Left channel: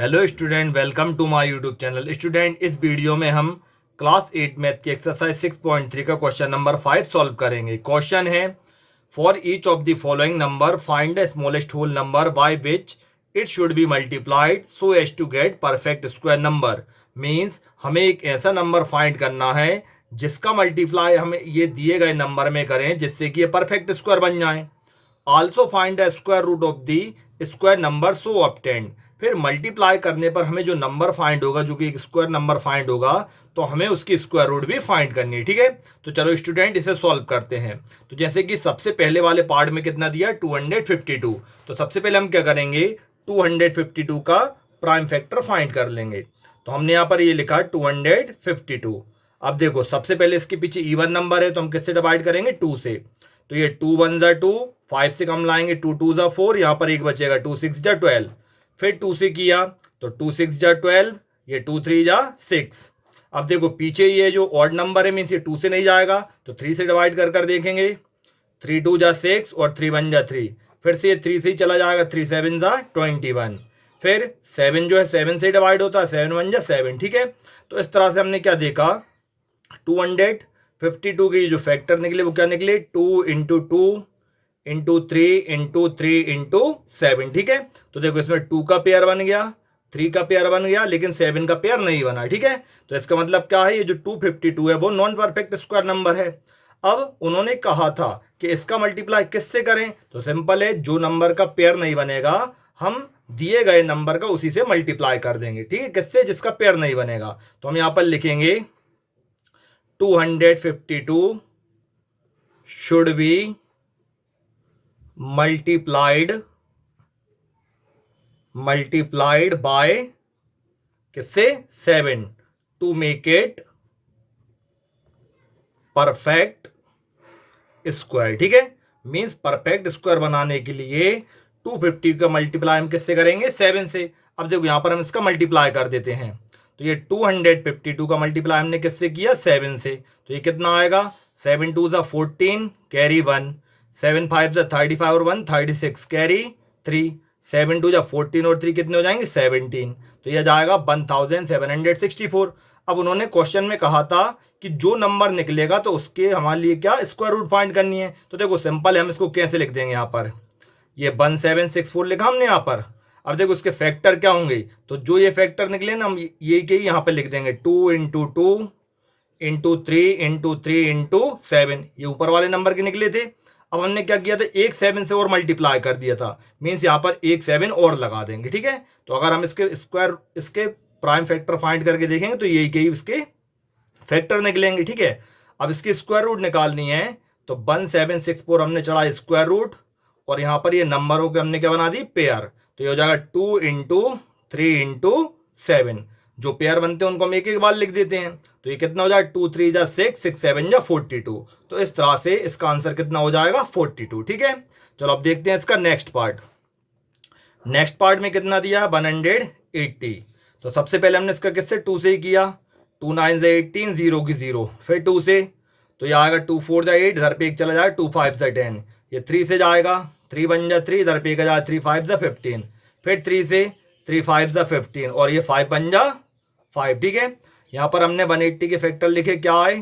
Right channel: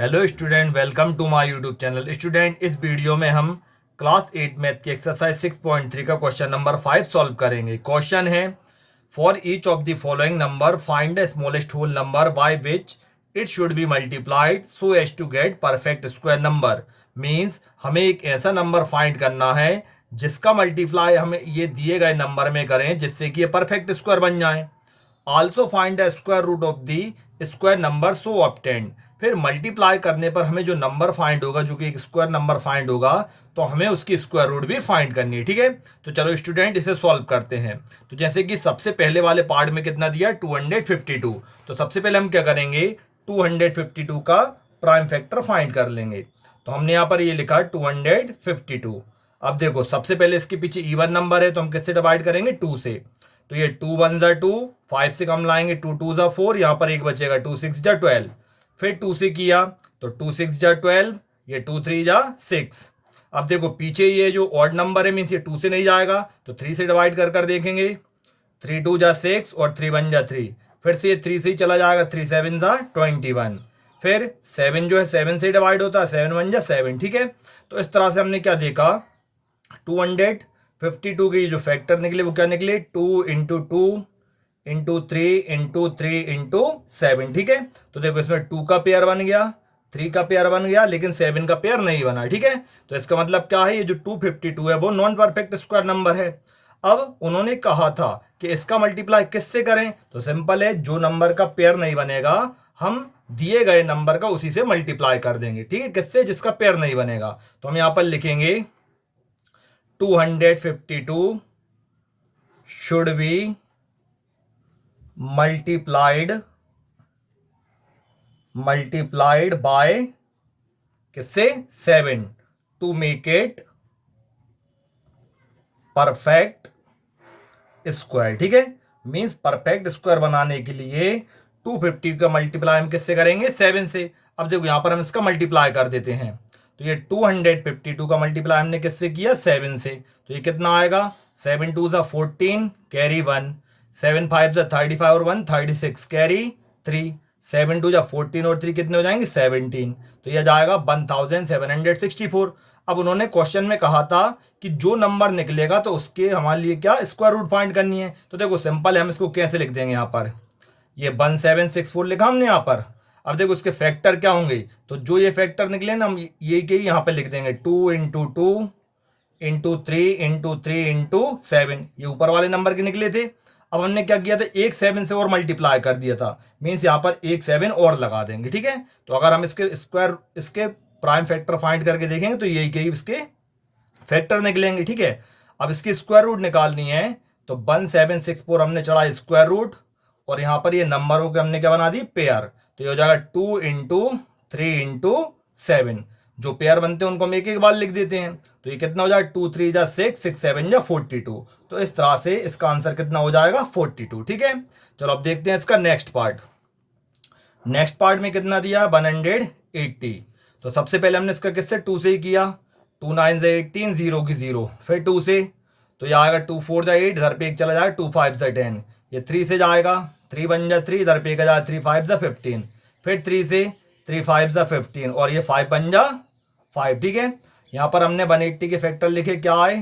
Hello student, welcome to my YouTube channel. Student, इस video में हम क्लास 8 मैथ की एक्सरसाइज 6.3 का क्वेश्चन नंबर 5 सॉल्व करेंगे। क्वेश्चन है, for each of the following number find the smallest whole number by which it should be multiplied so as to get perfect square number. Means हमें एक ऐसा number find करना है जिसका multiply हमें ये दिए गए नंबर में करें जिससे कि ये परफेक्ट स्क्वायर बन जाए। Also find the square root of the square number so obtained. फिर मल्टीप्लाई करने पर हमें जो नंबर फाइंड होगा, जो कि एक स्क्वायर नंबर फाइंड होगा, तो हमें उसकी स्क्वायर रूट भी फाइंड करनी है। ठीक है, तो चलो स्टूडेंट इसे सॉल्व करते हैं। तो जैसे कि सबसे पहले वाले पार्ट में कितना दिया, 252। तो सबसे पहले हम क्या करेंगे, 252 का प्राइम फैक्टर फाइंड कर लेंगे। तो हमने यहाँ पर ये लिखा 252। अब देखो, सबसे पहले इसके पीछे इवन नंबर है तो हम किससे डिवाइड करेंगे, 2 से। तो ये 2 1 जा 2, 5 से कम लाएंगे, 2 2 जा 4, यहाँ पर एक बचेगा, 2 6 जा 12। फिर 2 से किया तो 2 6 जा 12, ये 2 3 जा 6। अब देखो पीछे ये जो ऑड नंबर है, मीन्स ये 2 से नहीं जाएगा तो 3 से डिवाइड कर कर देखेंगे। 3 2 जा 6 और 3 1 जा 3। फिर से ये 3 से ही चला जाएगा, 3 7 जा 21। फिर 7 जो है 7 से डिवाइड होता है, 7 1 जा 7। ठीक है, तो इस तरह से हमने क्या देखा, 252 के जो फैक्टर निकले वो क्या निकले, 2 इंटू 2 इंटू 3 इंटू 3 इंटू 7। ठीक है, तो देखो इसमें 2 का पेयर बन गया, 3 का पेयर बन गया, लेकिन 7 का पेयर नहीं बना। ठीक है, तो इसका मतलब क्या है, ये जो 252 है वो नॉन परफेक्ट स्क्वायर नंबर है। अब उन्होंने कहा था कि इसका मल्टीप्लाई किससे करें, तो सिंपल है, जो नंबर का पेयर नहीं बनेगा हम दिए गए नंबर का उसी से मल्टीप्लाई कर देंगे। ठीक है, किससे, जिसका पेयर नहीं बनेगा। तो हम यहां पर लिखेंगे 252 should be multiplied by किससे, 7 to make it perfect square. ठीक है, मींस परफेक्ट स्क्वायर बनाने के लिए 250 का मल्टीप्लाई हम किससे करेंगे, 7 से। अब देखो यहां पर हम इसका मल्टीप्लाई कर देते हैं। तो ये 252 का मल्टीप्लाई हमने किससे किया, 7 से। तो ये कितना आएगा, 7 2 जा 14 कैरी 1, 7 5 जा 35 और 1 36 कैरी 3, 7 2 जा 14 और 3 कितने हो जाएंगे, 17। तो यह जाएगा 1764। अब उन्होंने क्वेश्चन में कहा था कि जो नंबर निकलेगा तो उसके हमारे लिए क्या, स्क्वायर रूट फाइंड करनी है। तो देखो सिंपल है, हम इसको कैसे लिख देंगे, यहाँ पर ये 1764 लिखा हमने यहाँ पर। अब देखो उसके फैक्टर क्या होंगे, तो जो ये फैक्टर निकले ना, हम ये के यहाँ पे लिख देंगे, 2 इंटू 2 इंटू 3 इंटू 3 इंटू 7। ये ऊपर वाले नंबर के निकले थे। अब हमने क्या किया था, एक 7 से और मल्टीप्लाई कर दिया था, मीन्स यहाँ पर एक 7 और लगा देंगे। ठीक है, तो अगर हम इसके प्राइम फैक्टर फाइंड करके देखेंगे तो यही इसके फैक्टर निकलेंगे। ठीक है, अब इसकी स्क्वायर रूट निकालनी है, तो 1764 हमने चढ़ा स्क्वायर रूट, और यहाँ पर ये नंबरों के हमने क्या बना दी, पेयर। तो ये हो जाएगा 2 इंटू 3 इंटू 7। जो पेयर बनते हैं उनको हम एक एक बार लिख देते हैं। तो ये कितना हो जाएगा, 2 3 जा 6, 6 7 जा 42। तो इस तरह से इसका आंसर कितना हो जाएगा, 42। ठीक है, चलो अब देखते हैं इसका नेक्स्ट पार्ट। नेक्स्ट पार्ट में कितना दिया, 180। तो सबसे पहले हमने इसका किससे, 2 से ही किया। 2 9 जा 18, 0 की 0, फिर 2 से। तो ये आएगा 2 4 जा 8, इधर पे एक चला जाएगा, 2 5 जा 10। ये 3 से जाएगा, 3 1 जा 3, इधर पे एक जाएगा, 3 5 जा 15। फिर 3 से, 3 5 जा 15, और ये 5 1 जा 5। ठीक है, यहाँ पर हमने 180 के फैक्टर लिखे, क्या आए,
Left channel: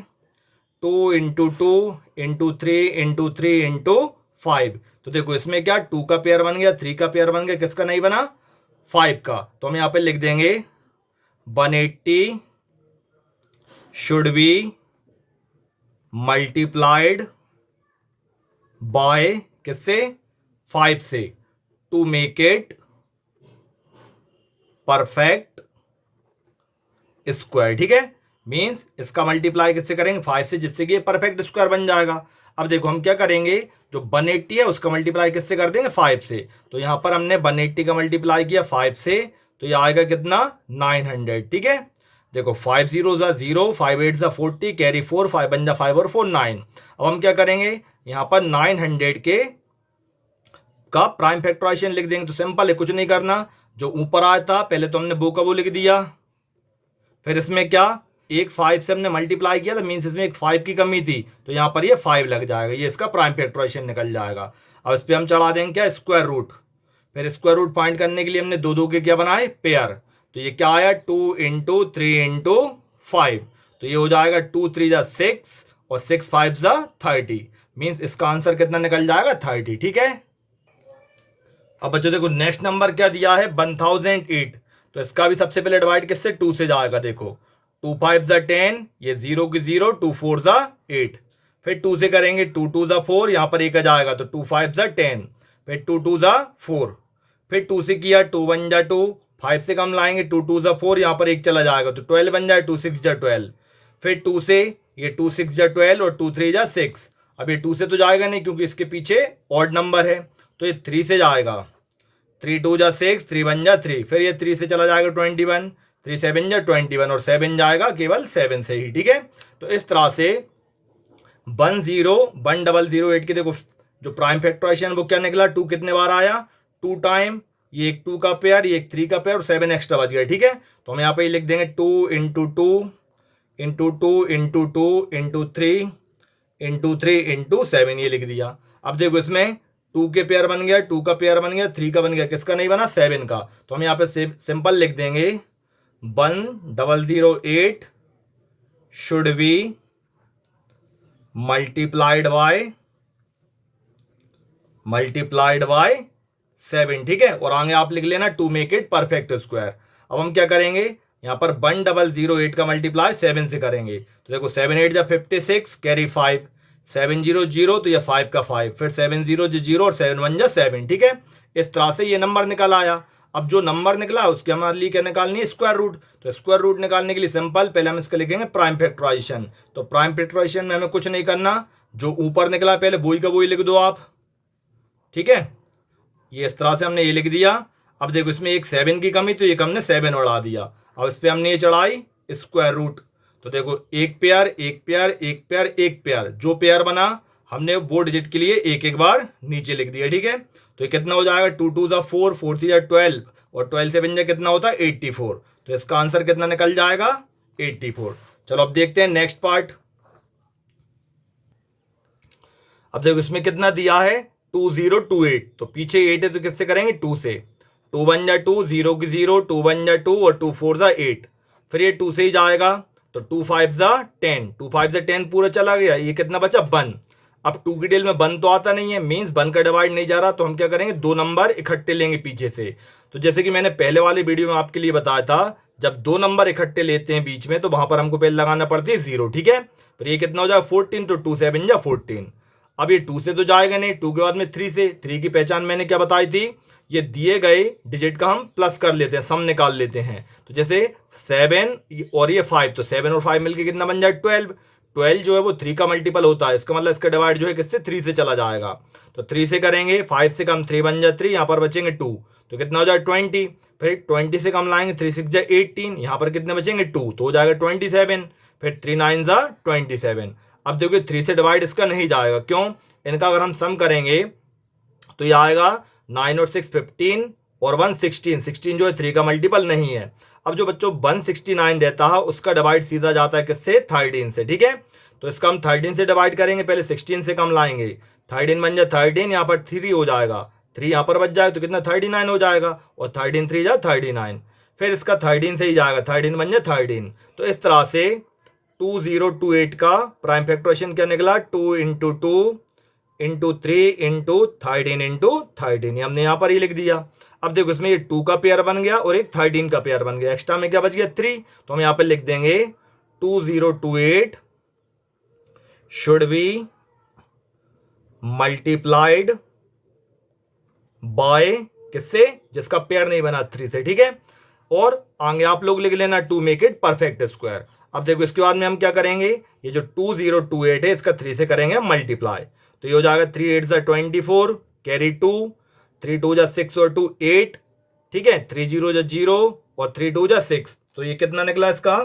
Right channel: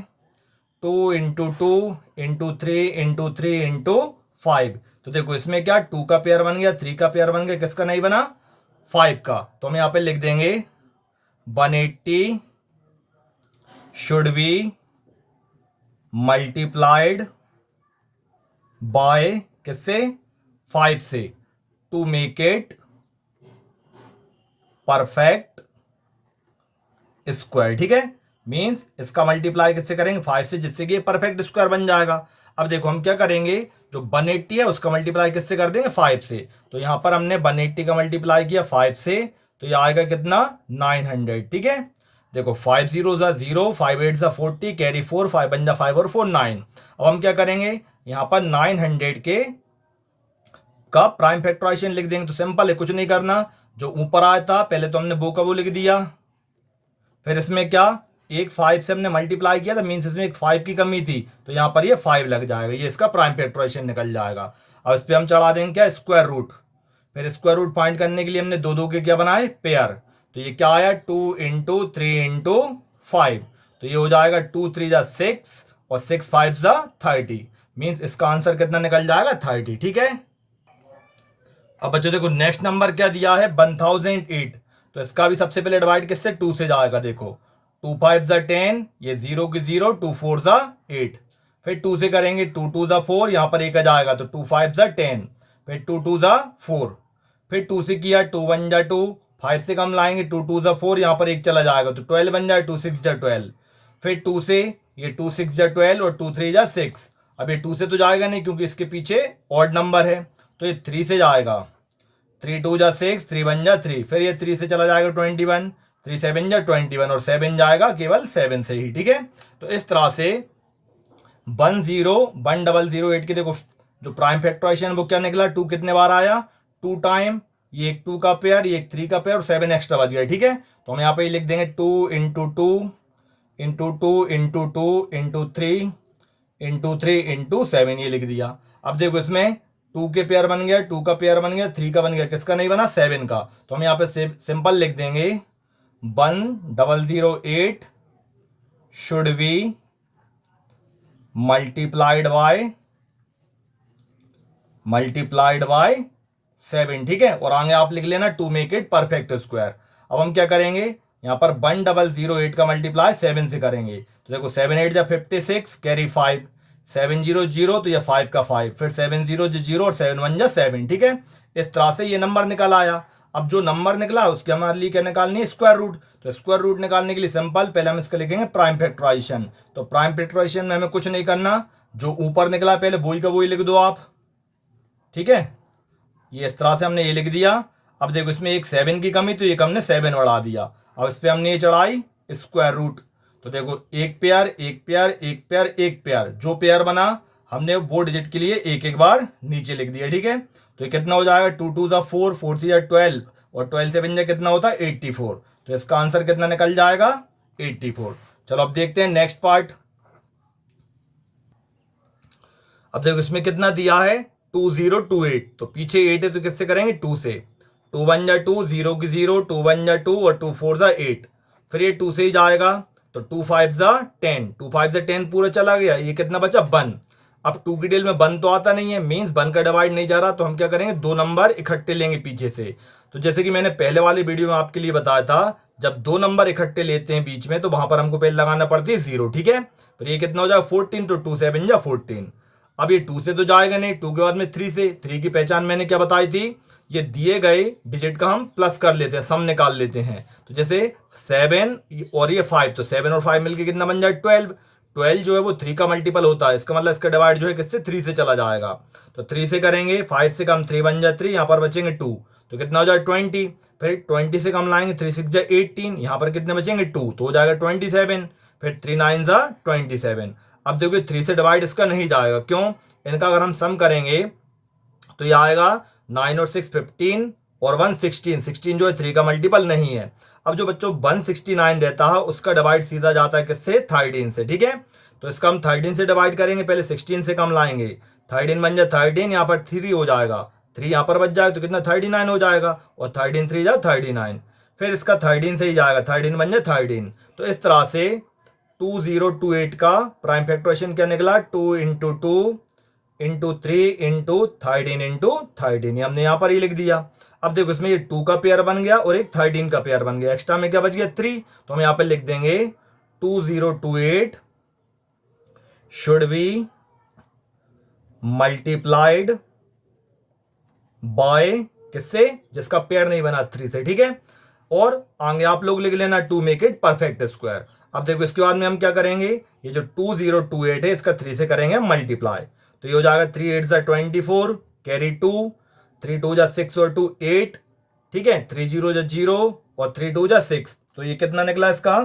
2 इंटू 2 इंटू 3 इंटू 3 इंटू 5। तो देखो इसमें क्या, 2 का पेयर बन गया, 3 का पेयर बन गया, किसका नहीं बना, 5 का। तो हम यहाँ पे लिख देंगे 180 शुड बी मल्टीप्लाइड बाय किससे, 5 से, to make it perfect square. ठीक है, मींस इसका मल्टीप्लाई किससे करेंगे, 5 से, जिससे कि परफेक्ट स्क्वायर बन जाएगा। अब देखो हम क्या करेंगे, जो 180 है उसका मल्टीप्लाई किससे कर देंगे, 5 से। तो यहां पर हमने 180 का मल्टीप्लाई किया 5 से, तो ये आएगा कितना, 900। ठीक है, देखो 5 0 जा 0, 5 8 जा 40 कैरी 4, 5 1 जा 5 और 4 9। अब हम क्या करेंगे, यहाँ पर 900 के का प्राइम फैक्टराइजेशन लिख देंगे। तो सिंपल है, कुछ नहीं करना, जो ऊपर आया था पहले तो हमने वो का वो लिख दिया। फिर इसमें क्या, एक 5 से हमने मल्टीप्लाई किया था, मीन्स इसमें एक 5 की कमी थी, तो यहाँ पर ये 5 लग जाएगा, ये इसका प्राइम फैक्टराइजेशन निकल जाएगा। अब इस पर हम चढ़ा देंगे क्या, स्क्वायर रूट। फिर स्क्वायर रूट फाइंड करने के लिए हमने दो दो के क्या बनाए, पेयर। तो ये क्या आया 2 × 3 × 5, तो ये हो जाएगा 2 × 3 = 6 और 6 × 5 = 30, मीन्स इसका आंसर कितना निकल जाएगा 30। ठीक है। अब बच्चों देखो नेक्स्ट नंबर क्या दिया है 1008, तो इसका भी सबसे पहले डिवाइड किससे 2 से जाएगा। देखो 2 × 5 = 10, ये 0 की 0, 2 × 4 = 8, फिर 2 से करेंगे 2 × 2 = 4, यहाँ पर एक आ जाएगा तो 2 × 5 = 10, फिर 2 × 2 = 4, फिर 2 से किया 2 × 1 = 2, 5 से कम लाएंगे 2 × 2 = 4, यहाँ पर एक चला जाएगा तो 12 बन जाए, 2 × 6 = 12, फिर 2 से ये 2 × 6 = 12 और 2 × 3 = 6। अब ये 2 से तो जाएगा नहीं क्योंकि इसके पीछे ऑड नंबर है, तो ये 3 से जाएगा, 3 × 2 = 6, 3 × 1 = 3, फिर ये 3 से चला जाएगा 21, 3 × 7 = 21 और 7 जाएगा केवल 7 से ही। ठीक है। तो इस तरह से 1008 की देखो जो प्राइम फैक्टराइजेशन वो क्या निकला, 2 कितने बार आया 2 टाइम, ये एक 2 का पेयर, ये एक 3 का पेयर और 7 एक्स्ट्रा बच गया। ठीक है। तो हम यहाँ पे लिख देंगे 2 × 2 × 2 × 2 × 2 × 3 × 3 × 7, ये लिख दिया। अब देखो इसमें 2 के पेयर बन गया, 2 का पेयर बन गया, 3 का बन गया, किसका नहीं बना 7 का, तो हम यहाँ पे सिंपल लिख देंगे 1008 शुड बी मल्टीप्लाइड बाय 7। ठीक है। और आगे आप लिख लेना to make it perfect square. अब हम क्या करेंगे, यहाँ पर 1008 का मल्टीप्लाई 7 से करेंगे, तो देखो 7 × 8 = 56, कैरी 5, 7 0 0, तो ये 5 का 5, फिर 7 0 0 और 7 1 = 7। ठीक है। इस तरह से ये नंबर निकल आया। अब जो नंबर निकला उसके हमारे लिए क्या निकालनी है स्क्वायर रूट, तो स्क्वायर रूट निकालने के लिए सिंपल पहले हम इसका लिखेंगे प्राइम फैक्टराइजेशन। तो प्राइम फैक्टराइजेशन में हमें कुछ नहीं करना, जो ऊपर निकला पहले वही का वही लिख दो आप। ठीक है। ये इस तरह से हमने ये लिख दिया। अब देखो इसमें एक 7 की कमी, तो एक हमने 7 बढ़ा दिया। अब इस पर हमने ये चढ़ाई स्क्वायर रूट, तो देखो एक पेयर एक पेयर एक पेयर एक पेयर, जो पेयर बना हमने वो डिजिट के लिए एक एक बार नीचे लिख दिया। ठीक है। तो ये कितना हो जाएगा 2 × 2 = 4, 4 × 3 = 12 और 12 से बन जाए कितना होता है 84, तो इसका आंसर कितना निकल जाएगा 84। चलो अब देखते हैं नेक्स्ट पार्ट। अब देखो इसमें कितना दिया है 2028, तो पीछे 8 है तो किससे करेंगे 2 से, 2 × 1 = 2, 0 की 0, 2 × 1 = 2 और 2 × 4 = 8, फिर ये 2 से ही जाएगा तो 2 × 5 = 10, 2 × 5 = 10 पूरा चला गया, ये कितना बचा 1। अब 2 की डिटेल में 1 तो आता नहीं है, मीन्स 1 का डिवाइड नहीं जा रहा, तो हम क्या करेंगे 2 नंबर इकट्ठे लेंगे पीछे से। तो जैसे कि मैंने पहले वाली वीडियो में आपके लिए बताया था, जब 2 नंबर इकट्ठे लेते हैं बीच में तो वहां पर हमको पहले लगाना पड़ती है 0। ठीक है। फिर ये कितना हो जाएगा 14, तो 2 × 7 = 14। अब ये 2 से तो जाएगा नहीं, 2 के बाद में 3 से, 3 की पहचान मैंने क्या बताई थी, ये दिए गए डिजिट का हम प्लस कर लेते हैं, सम निकाल लेते हैं। तो जैसे 7 और ये 5, तो 7 और 5 मिलके कितना बन जाए 12, 12 जो है वो 3 का मल्टीपल होता है, इसका मतलब इसका डिवाइड जो है किससे 3 से चला जाएगा, तो 3 से करेंगे 5 से कम 3 बन जाए 3, यहाँ पर बचेंगे 2, तो कितना हो जाए 20, फिर 20 से कम लाएंगे 3 × 6 = 18, यहाँ पर कितने बचेंगे 2, तो हो जाएगा 27, फिर 3 × 9 = 27। अब देखो 3 से डिवाइड इसका नहीं जाएगा, क्यों, इनका अगर हम सम करेंगे तो ये आएगा 9 और 6 15 और 1 16, 16 जो है 3 का मल्टीपल नहीं है। अब जो बच्चों 169 रहता है उसका डिवाइड सीधा जाता है किससे 13 से। ठीक है। तो इसका हम 13 से डिवाइड करेंगे, पहले 16 से कम लाएंगे, 13 बन जाए 13, यहाँ पर 3 हो जाएगा, 3 यहाँ पर बच जाएगा तो कितना 39 हो जाएगा, और 13 × 3 = 39, फिर इसका 13 से ही जाएगा, 13 बन जाए 13। तो इस तरह से 2028 का प्राइम फैक्टराइजेशन क्या निकला 2 × 2 × 3 × 13 × 13, ये हमने यहाँ पर ही लिख दिया। अब देखो इसमें ये 2 का पेयर बन गया और एक 13 का पेयर बन गया, एक्स्ट्रा में क्या बच गया 3, तो हम यहाँ पर लिख देंगे 2028 शुड बी मल्टीप्लाइड बाय किससे, जिसका पेयर नहीं बना 3 से। ठीक है। और आगे आप लोग लिख लेना to make it perfect square. अब देखो इसके बाद में हम क्या करेंगे, ये जो 2028 है इसका 3 से करेंगे मल्टीप्लाई, तो ये हो जाएगा 3 × 8 = 24, कैरी 2, 3 × 2 = 6 और 2 8। ठीक है। 3 0 = 0 और 3 2 = 6, तो ये कितना निकला इसका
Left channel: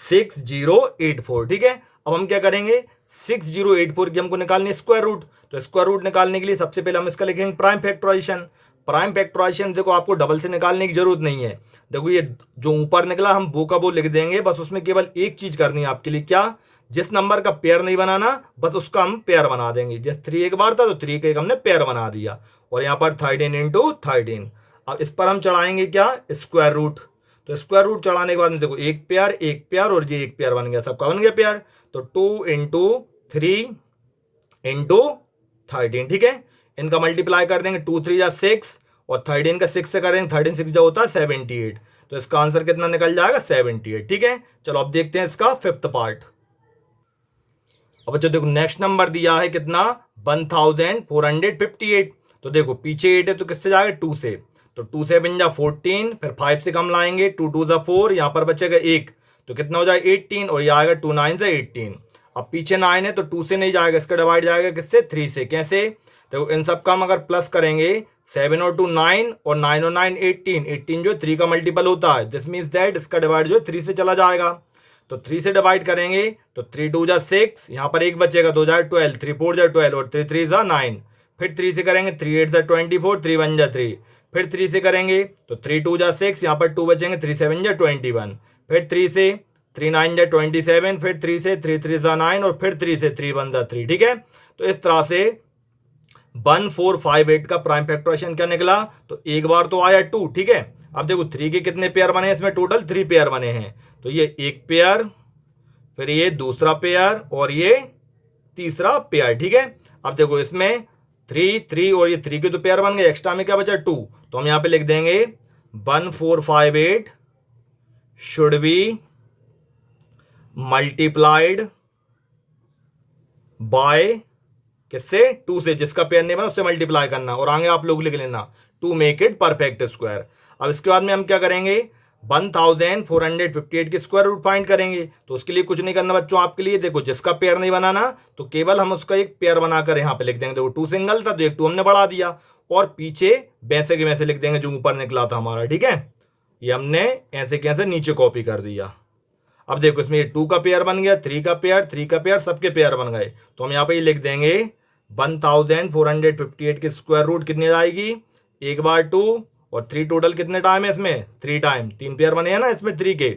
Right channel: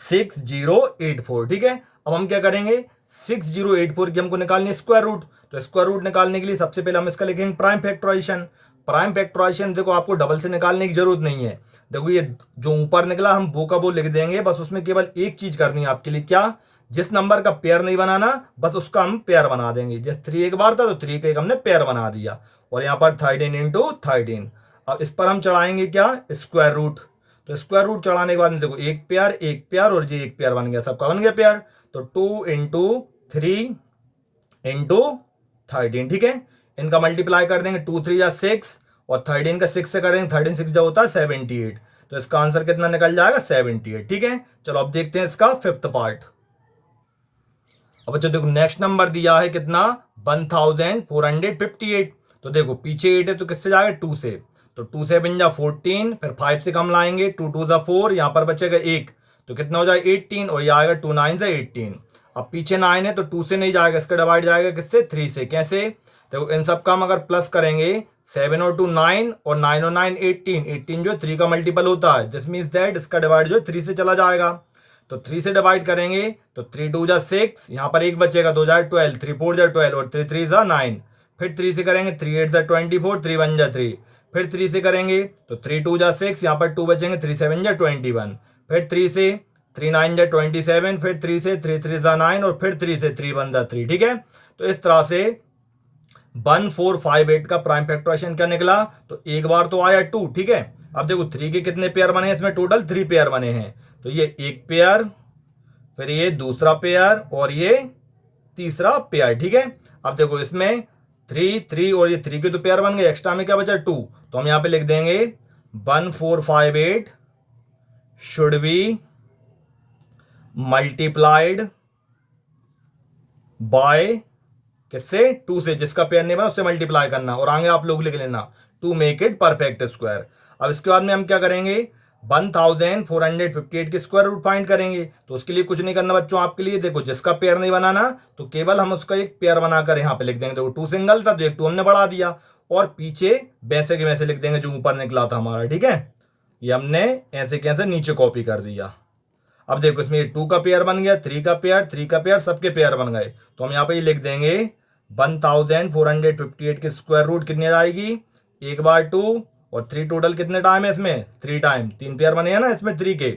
6084। ठीक है। अब हम क्या करेंगे 6084 की हमको निकालनी है स्क्वायर रूट, तो स्क्वायर रूट निकालने के लिए सबसे पहले हम इसका लिखेंगे प्राइम फैक्टराइजेशन। प्राइम फैक्टराइजेशन देखो आपको डबल से निकालने की जरूरत नहीं है, देखो ये जो ऊपर निकला हम वो का वो लिख देंगे, बस उसमें केवल एक चीज करनी है आपके लिए, क्या, जिस नंबर का पेयर नहीं बनाना बस उसका हम पेयर बना देंगे। जैसे 3 एक बार था तो 3 का एक हमने पेयर बना दिया, और यहाँ पर 13 × 13। अब इस पर हम चढ़ाएंगे क्या, स्क्वायर रूट। तो स्क्वायर रूट चढ़ाने के बाद में देखो एक पेयर और ये एक पेयर बन गया, सबका बन गया पेयर। तो 2 × 3 × 13, ठीक है। इनका मल्टीप्लाई कर देंगे, 2 × 3 = 6 और 13 का 6 से करेंगे, 13 6 जो होता है 78। तो इसका आंसर कितना निकल जाएगा, 78, ठीक है। चलो अब देखते हैं इसका फिफ्थ पार्ट। अब बच्चों देखो नेक्स्ट नंबर दिया है कितना, 1458। तो देखो पीछे 8 है तो किससे जाएगा, 2 से। तो 2 से बन जा 14, फिर 5 से कम लाएंगे, 2 2 = 4, यहाँ पर बचेगा 1, तो कितना हो जाएगा 18, और ये आएगा 2 9 = 18। अब पीछे 9 है तो 2 से नहीं जाएगा, इसका डिवाइड जाएगा किससे, 3 से। कैसे, देखो इन सब का हम अगर प्लस करेंगे, 7 और 2 9 और 9 और 9 18, 18 जो 3 का मल्टीपल होता है, दिस मीन्स दैट इसका डिवाइड जो 3 से चला जाएगा। तो 3 से डिवाइड करेंगे तो 3 2 = 6, यहाँ पर एक बचेगा, 2 × 12, 3 4 = 12 और 3 3 = 9। फिर 3 से करेंगे, 3 8 = 24, 3 1 = 3। फिर 3 से करेंगे तो 3 2 = 6, यहाँ पर 2 बचेंगे, 3 7 = 21। फिर 3 से 3 9 = 27, फिर 3 से 3 3 = 9 और फिर 3 से 3 1 = 3, ठीक है। तो इस तरह से 1458 का प्राइम फैक्टराइजेशन क्या निकला, तो एक बार तो आया 2, ठीक है। अब देखो 3 के कितने पेयर बने हैं, इसमें टोटल 3 पेयर बने हैं। तो ये एक पेयर, फिर ये दूसरा पेयर और ये तीसरा पेयर, ठीक है। अब देखो इसमें 3 3 और ये 3 के तो पेयर बन गए, एक्स्ट्रा में क्या बचा 2। तो हम यहाँ पे लिख देंगे 1458 शुड बी मल्टीप्लाइड बाय किससे, 2 से, जिसका पेयर नहीं बना उससे मल्टीप्लाई करना, और आगे आप लोग लिख लेना to make it perfect square. अब इसके बाद में हम क्या करेंगे, 1458 के स्क्वायर रूट फाइंड करेंगे। तो उसके लिए कुछ नहीं करना बच्चों, आपके लिए देखो जिसका पेयर नहीं बनाना तो केवल हम उसका एक पेयर बनाकर यहाँ पे लिख देंगे। देखो 2 सिंगल था तो एक 2 हमने बढ़ा दिया, और पीछे वैसे के वैसे लिख देंगे जो ऊपर निकला था हमारा, ठीक है। ये हमने ऐसे कैसे नीचे कॉपी कर दिया। अब देखो इसमें 2 का पेयर बन गया, 3 का पेयर, 3 का पेयर, सबके पेयर बन गए। तो हम यहाँ पे लिख देंगे 1458 के स्क्वायर रूट कितनी आएगी, 1 बार 2 और 3 टोटल कितने टाइम है इसमें, 3 टाइम, 3 पेयर बने हैं ना इसमें 3 के।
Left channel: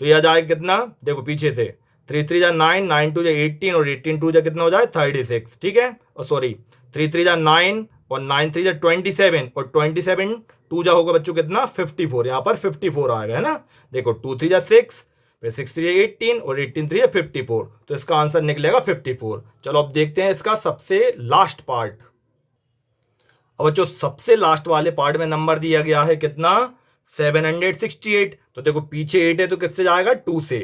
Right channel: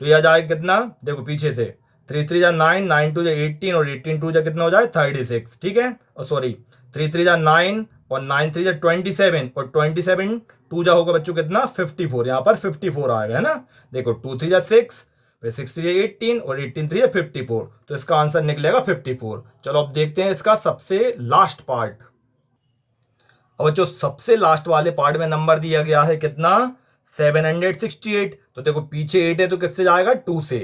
तो यह जाएगा कितना, देखो पीछे से 3 3 = 9, 9 2 = 18 और 18 2 कितना हो जाए 36, ठीक है। और सॉरी 3 3 = 9 और 9 3 = 27 और 27 2 होगा बच्चों कितना 54, यहाँ पर 54 आएगा, है ना। देखो 2 3 = 6, फिर 6 3 = 18 और 18 3 = 54। तो इसका आंसर निकलेगा 54। चलो अब देखते हैं इसका सबसे लास्ट पार्ट। अब जो सबसे लास्ट वाले पार्ट में नंबर दिया गया है कितना, 768। तो देखो पीछे 8 है तो किससे जाएगा, 2 से।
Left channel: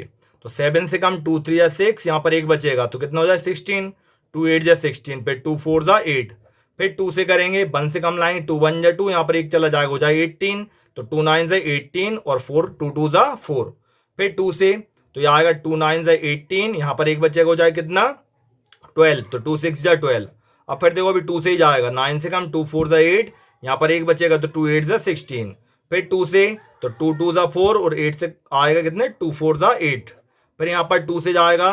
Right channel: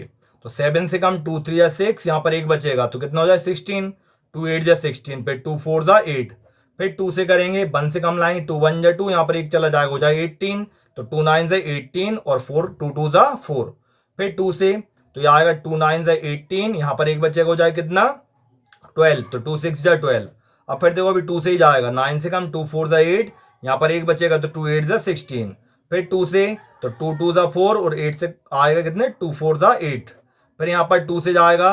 तो 7 से कम 2 3 = 6, यहाँ पर एक बचेगा तो कितना हो जाए 16, 2 8 = 16, फिर 2 4 = 8। फिर 2 से करेंगे, 1 से कम लाएंगे, 2 1 = 2, यहाँ पर एक चला जाएगा, हो जाए 18। तो 2 9 = 18 और 4 2 2 = 4। फिर 2 से तो यह आएगा 2 9 = 18, यहाँ पर एक बचेगा, हो जाए कितना 12। तो 2 6 = 12। अब फिर देखो अभी 2 से ही जाएगा, 9 से कम 2 4 = 8, यहाँ पर एक बचेगा तो 2 8 = 16। फिर 2 से तो 2 2 = 4 और 8 से आएगा कितने 2 4 = 8। फिर यहाँ पर 2 से जाएगा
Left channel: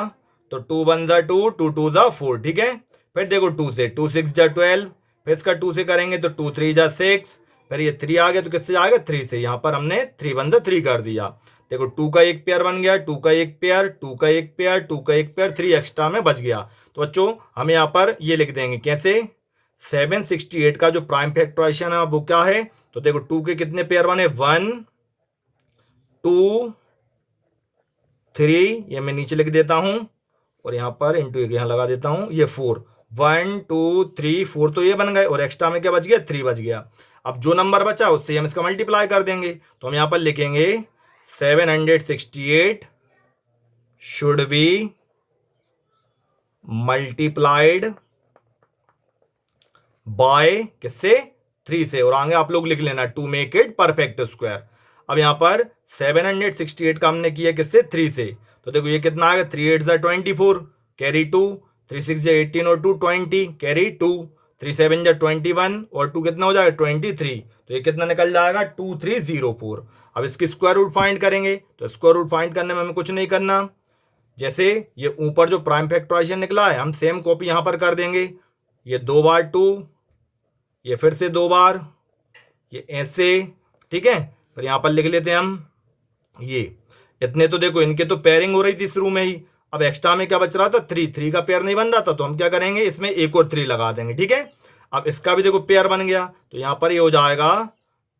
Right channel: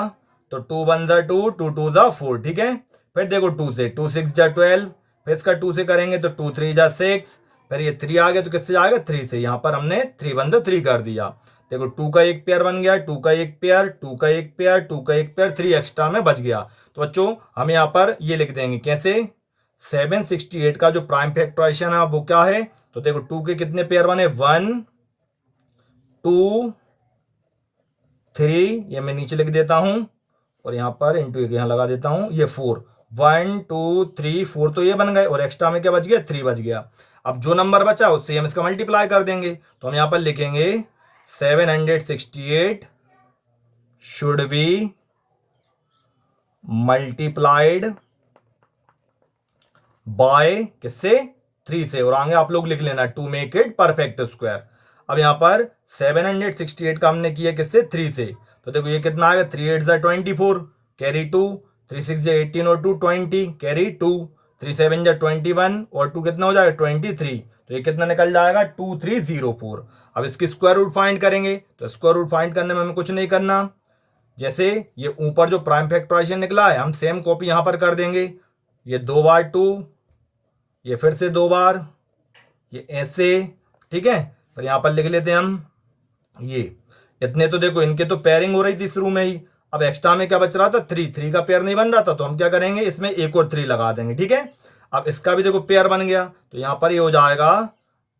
तो 2 1 = 2, 2 2 = 4, ठीक है। फिर देखो 2 से 2 6 = 12, फिर इसका 2 से करेंगे तो 2 3 = 6, फिर ये 3 आ गया तो किससे जाएगा 3 से, यहाँ पर हमने 3 1 = 3 कर दिया। देखो 2 का एक पेयर बन गया, 2 का एक पेयर, 2 का एक पेयर, 2 का एक पेयर, 3 एक्स्ट्रा में बच गया। तो बच्चों हम यहाँ पर ये लिख देंगे कैसे, 768 का जो प्राइम फैक्टराइजेशन है वो क्या है, तो देखो 2 के कितने पेयर बने, 1 2 3, ये मैं नीचे लिख देता हूं और यहाँ पर इंटू यहाँ लगा देता हूं, ये 4, 1 2 3 4, तो ये बन गए और एक्स्ट्रा में क्या बच गया 3 बच गया। अब जो नंबर बचा उससे हम इसका मल्टीप्लाई कर देंगे। तो हम यहाँ पर लिखेंगे 768 शुड बी मल्टीप्लाइड बाय किससे, 3 से, और आगे आप लोग लिख लेना to make it perfect square. अब यहाँ पर 768 का हमने किया किससे, 3 से। तो देखो ये कितना आ गया, 3 8 = 24 कैरी 2, 3 6 = 18 और 2 20 कैरी 2, 3 7 = 21 और 2 कितना हो जाएगा 23। तो ये कितना निकल जाएगा 2304। अब इसकी स्क्वायर रूट फाइंड करेंगे। तो स्क्वायर रूट फाइंड करने में हमें कुछ नहीं करना, जैसे ये ऊपर जो प्राइम फैक्टराइजेशन निकला है हम सेम कॉपी यहाँ पर कर देंगे, ये 2 बार 2, ये फिर से 2 बार, ये ऐसे, ठीक है। फिर यहाँ पर लिख लेते हैं हम ये इतने। तो देखो इनके तो पेयरिंग हो रही थी शुरू में ही, अब एक्स्ट्रा में क्या बच रहा था 3, 3 का पेयर नहीं बन रहा था, तो हम क्या करेंगे इसमें एक और 3 लगा देंगे, ठीक है। अब इसका भी देखो पेयर बन गया, तो यहाँ पर ये हो जाएगा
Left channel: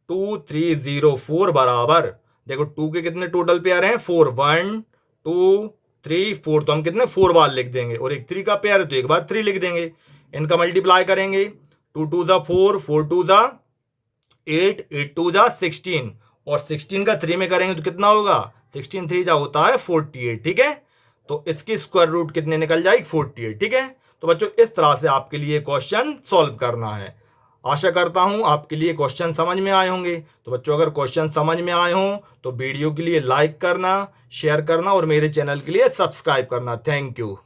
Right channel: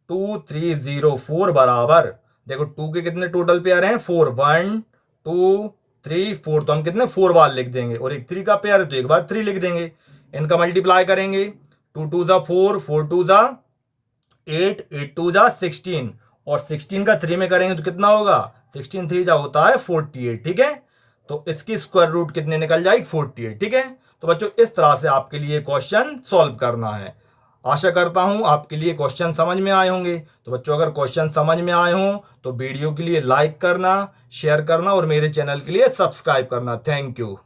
2304 बराबर, देखो 2 के कितने टोटल पेयर हैं, 4, 1 2 3 4, तो हम कितने 4 बार लिख देंगे, और एक 3 का पेयर है तो एक बार 3 लिख देंगे। इनका मल्टीप्लाई करेंगे, 2 2 जा 4, 4 2 जा 8, 8 2 जा 16, और 16 का 3 में करेंगे तो कितना होगा, 16 3 जा होता है 48, ठीक है। तो इसकी स्क्वायर रूट कितने निकल जाएगी, 48, ठीक है। तो बच्चों इस तरह से आपके लिए क्वेश्चन सॉल्व करना है। आशा करता हूं आपके लिए क्वेश्चन समझ में आए होंगे। तो बच्चों अगर क्वेश्चन समझ में आए हों तो वीडियो के लिए लाइक करना, शेयर करना और मेरे चैनल के लिए सब्सक्राइब करना। Thank you.